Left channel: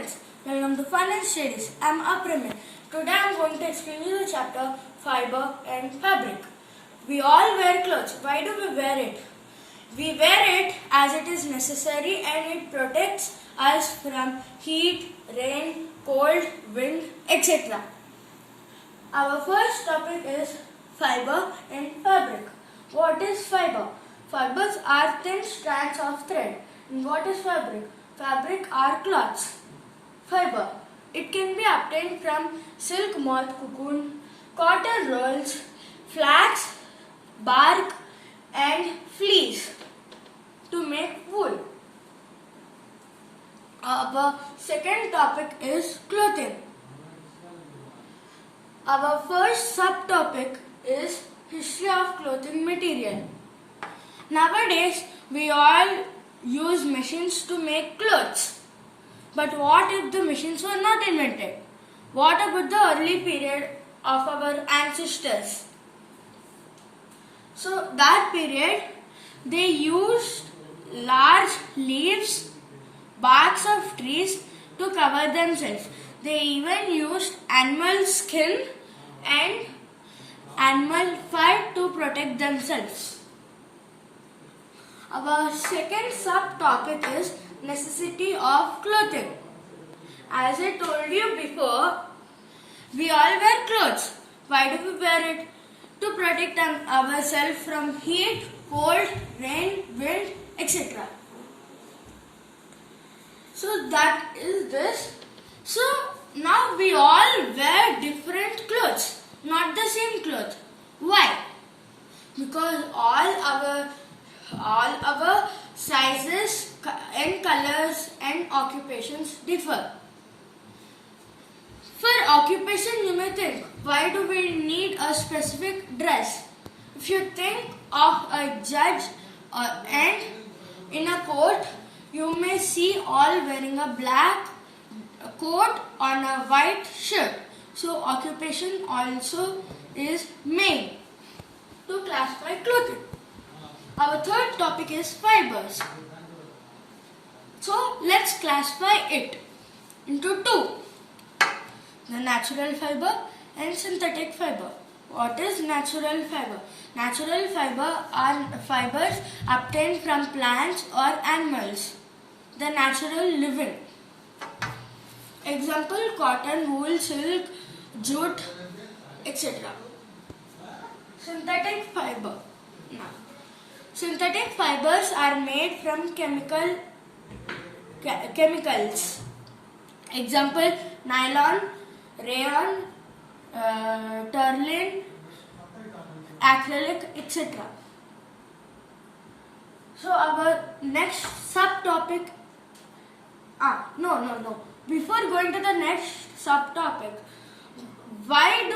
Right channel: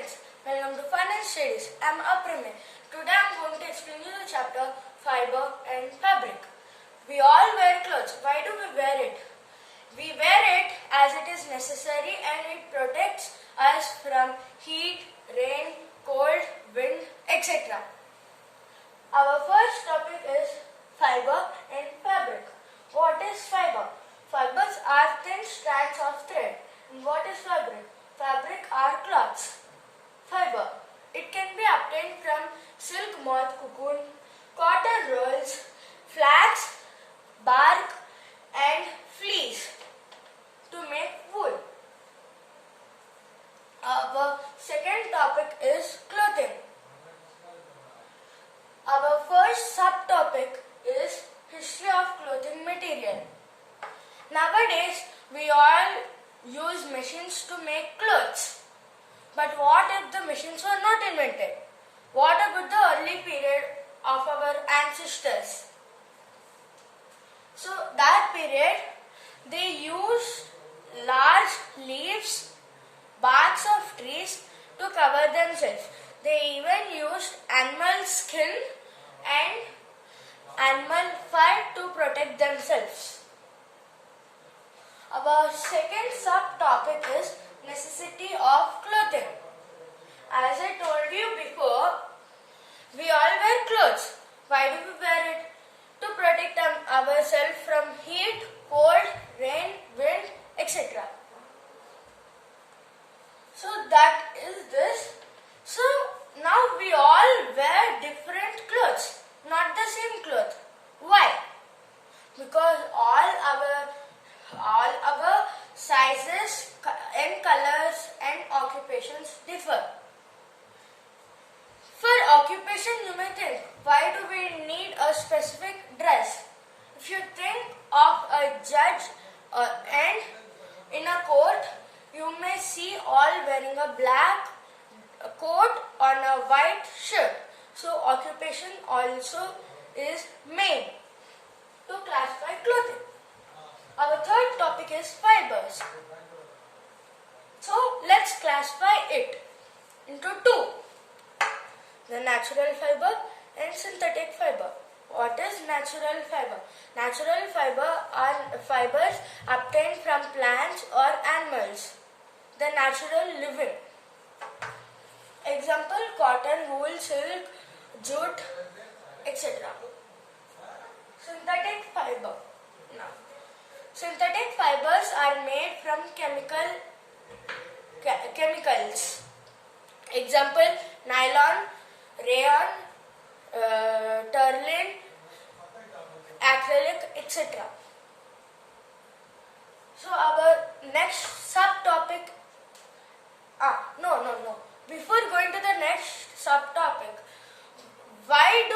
friends, welcome to Fun and Studies. I am Apramin. Today I am going to explain you the chapter Fiber and Fabric. We all wear clothes. Why do we wear it? We wear it as it is necessary and it protects us from heat, rain, cold, wind, etc. Our first topic is fiber and fabric. What is fiber? Fibers are thin strands of thread. And what is fabric? Fabric are cloths. Fiber. It can be obtained from silk moth cocoon, cotton rolls, flax, bark and fleece to make wool. Our second topic is clothing. Our first subtopic is history of clothing material. Nowadays, we all use machines to make clothes. But what if the machines were not invented? What about the early period of our ancestors? So that period, they used large leaves, barks of trees to cover themselves. They even used animal skin and animal fur to protect themselves. Our second subtopic is necessity of clothing. As I told you before, we all wear clothes. Why do we wear it? To protect ourselves from heat, cold, rain, wind, etc. So that is this. So now we all wear different clothes, not the same cloth. Why? Because all our sizes and colors and occupations differ. For occupation, you may think, why do we need a specific dress? If you think of a judge and in a court, you may see all wearing a black coat on a white shirt. So occupation also is made to classify clothing. Our third topic is fibers. So let's classify it into two. The natural fiber and synthetic fiber. What is natural fiber? Natural fiber are fibers obtained from plants or animals. The natural living. Example, cotton, wool, silk, jute, etc. Synthetic fiber. Now, synthetic fibers are made from chemicals. Example, nylon, rayon, terling, acrylic, etc. So our next subtopic. Before going to the next subtopic, why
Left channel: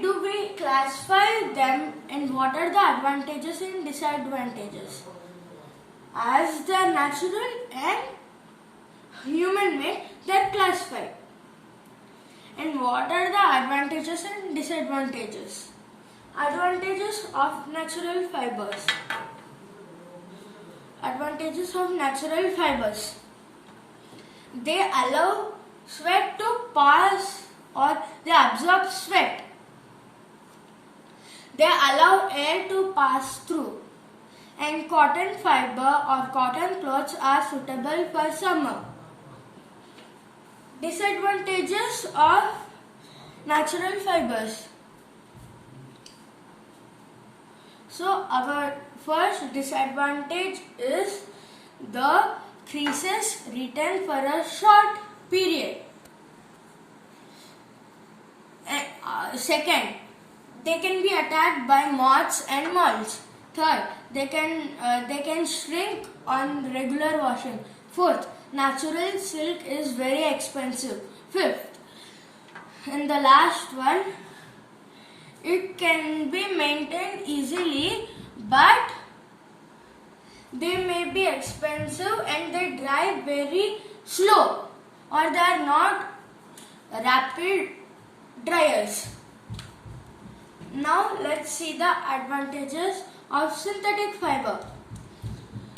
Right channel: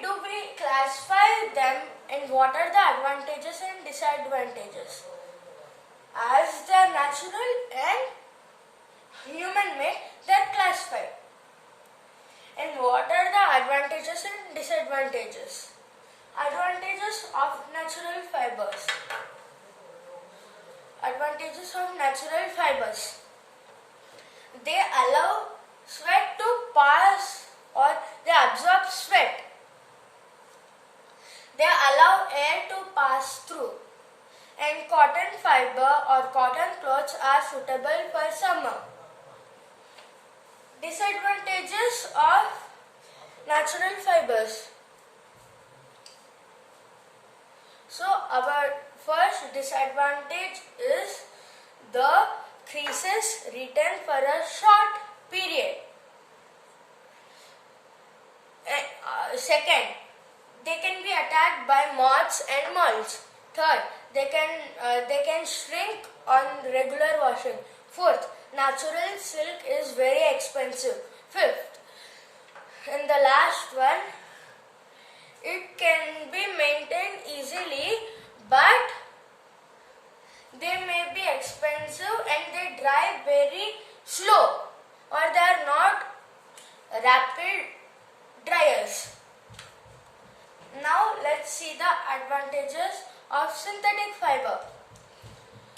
do we classify them and what are the advantages and disadvantages? As they are natural and human made, they are classified. And what are the advantages and disadvantages? Advantages of natural fibers. Advantages of natural fibers. They allow sweat to pass or they absorb sweat. They allow air to pass through. And cotton fiber or cotton clothes are suitable for summer. Disadvantages of natural fibers. So our first disadvantage is the creases retain for a short period. Second, they can be attacked by moths and moths. Third, they can shrink on regular washing. Fourth, natural silk is very expensive. Fifth, and the last one, it can be maintained easily, but they may be expensive and they dry very slow or they are not rapid dryers. Now let's see the advantages of synthetic fiber.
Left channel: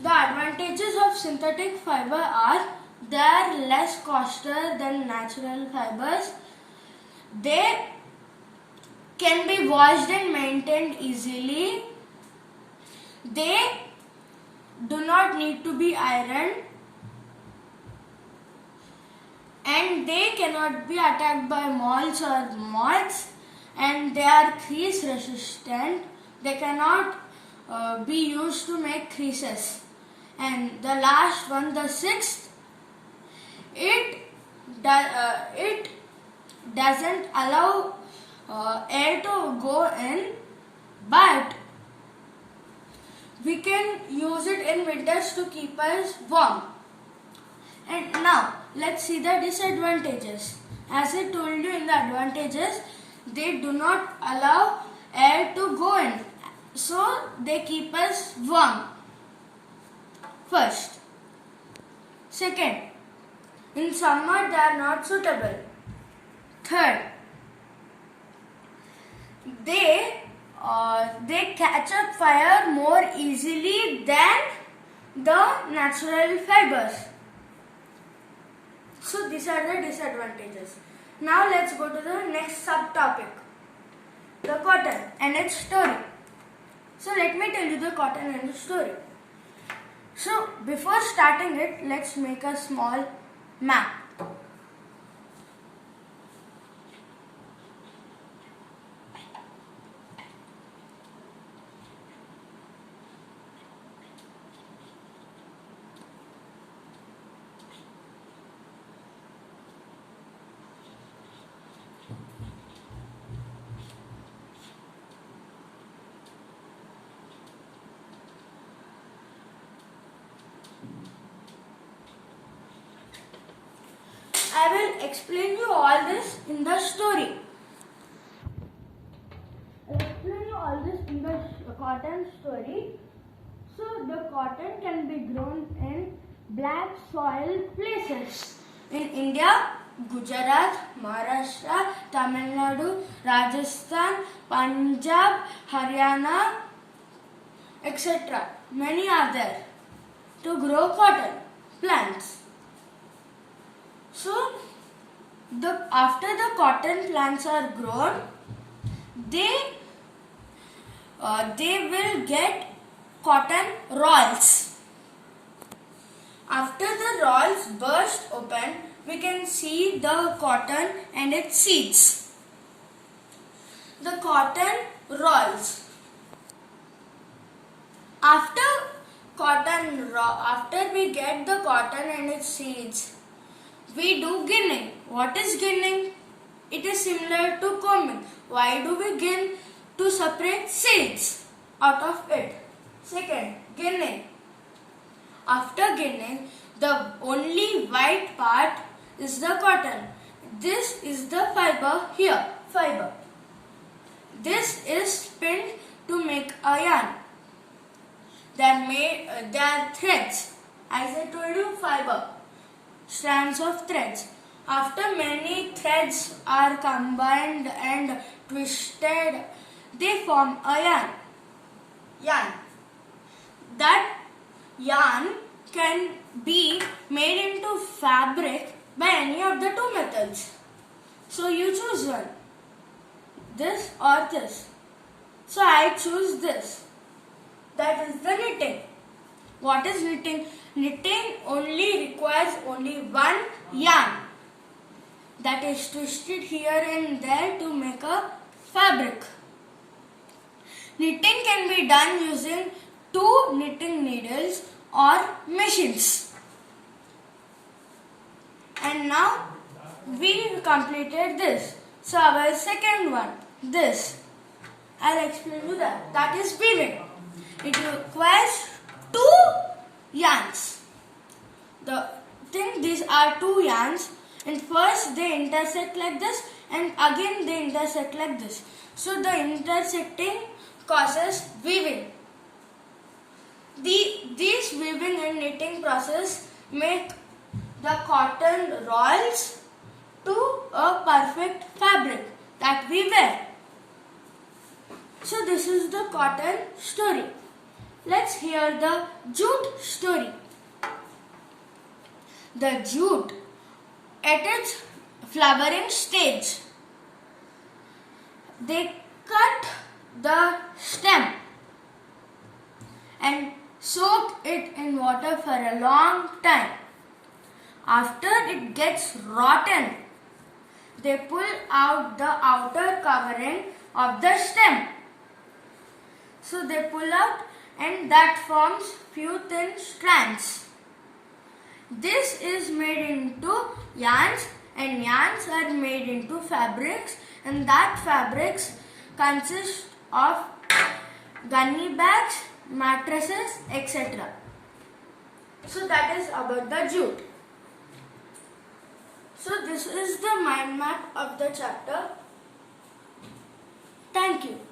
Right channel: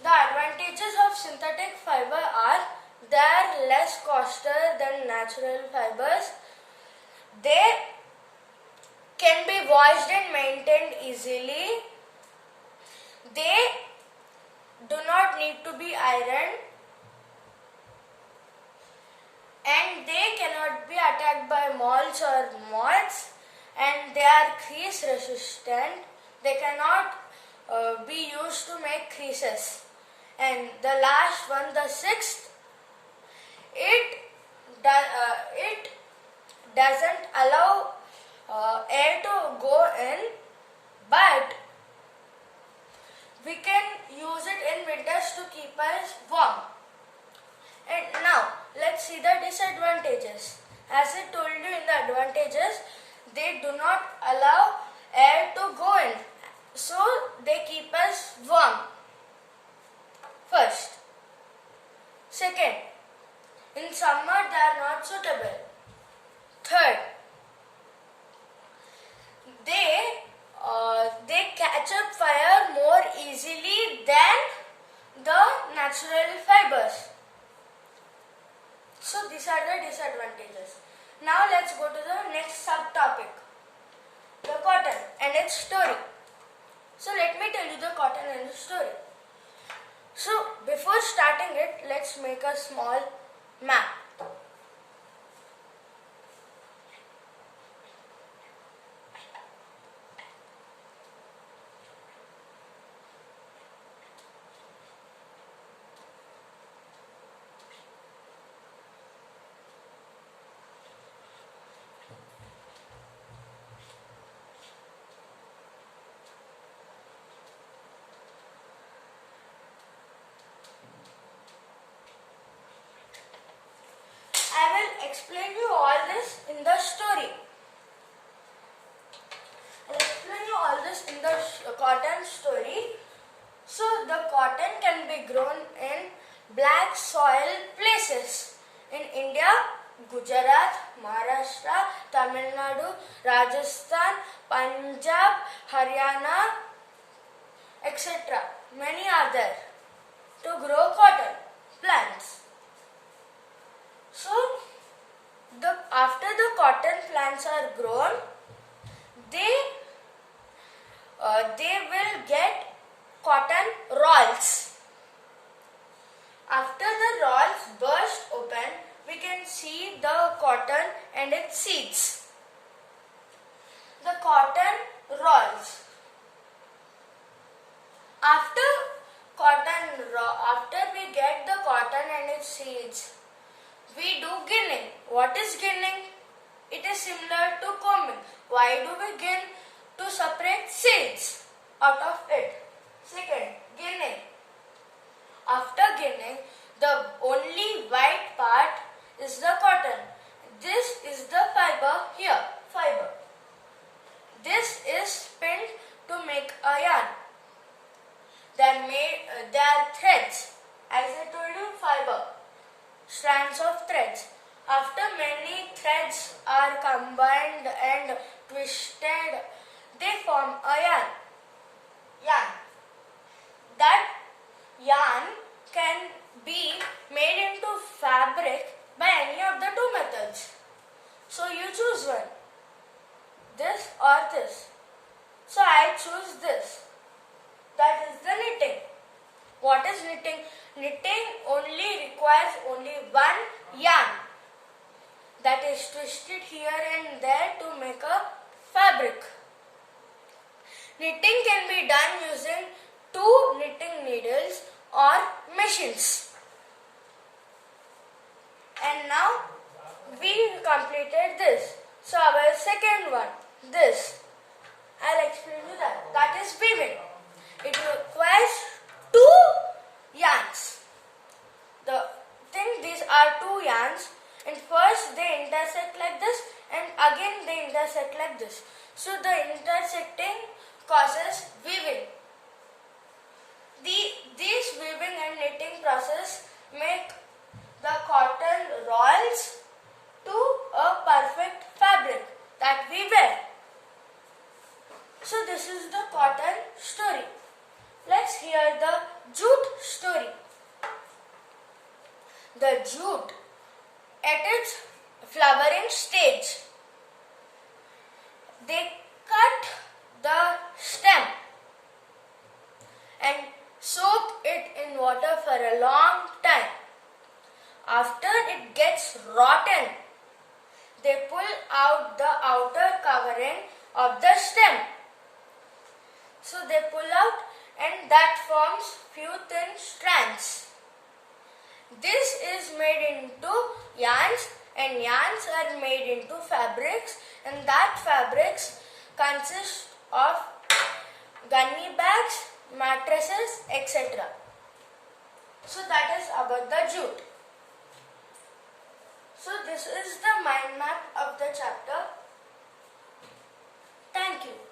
The advantages of synthetic fiber are they are less costlier than natural fibers. They can be washed and maintained easily. They do not need to be ironed, and they cannot be attacked by moths or moths, and they are crease resistant. They cannot be used to make creases. And the last one, the sixth, it doesn't allow air to go in, but we can use it in winters to keep us warm. And now let's see the disadvantages. As I told you in the advantages, they do not allow air to go in, so they keep us warm. First. Second, in summer they are not suitable. Third, they catch up fire more easily than the natural fibers. So these are the disadvantages. Now let's go to the next subtopic, the cotton and its story. So let me tell you the cotton and its story. So before starting it, let's make a small map. I will explain you all this in the story. I'll explain you all this in the cotton story. So the cotton can be grown in black soil places. In India, Gujarat, Maharashtra, Tamil Nadu, Rajasthan, Punjab, Haryana, etc. Many are there to grow cotton plants. So, after the cotton plants are grown, they will get cotton rolls. After the rolls burst open, we can see the cotton and its seeds. The cotton rolls. After we get the cotton and its seeds, we do ginning. What is ginning? It is similar to combing. Why do we gin? To separate seeds out of it. Second, ginning. After ginning, the only white part is the cotton. This is the fiber here, fiber. This is spinned to make a yarn. They are threads. As I told you, fiber. Strands of threads. After many threads are combined and twisted, they form a yarn. That yarn can be made into fabric by any of the two methods. So you choose one. This or this. So I choose this. That is the knitting. What is knitting? Knitting only requires only one yarn that is twisted here and there to make a fabric. Knitting can be done using 2 knitting needles or machines. And now we completed this. So our second one, this. I'll explain you that. That is weaving. It requires 2 yarns. These are 2 yarns, and first they intersect like this, and again they intersect like this. So the intersecting causes weaving. These weaving and knitting process make the cotton rolls to a perfect fabric that we wear. So this is the cotton story. Let's hear the jute story. the jute at its flowering stage. They cut the stem and soaked it in water for a long time. After it gets rotten, they pull out the outer covering of the stem. So they pull out and that forms few thin strands. This is made into yarns and yarns are made into fabrics and that fabrics consist of gunny bags, mattresses, etc. So that is about the jute. So this is the mind map of the chapter. Thank you.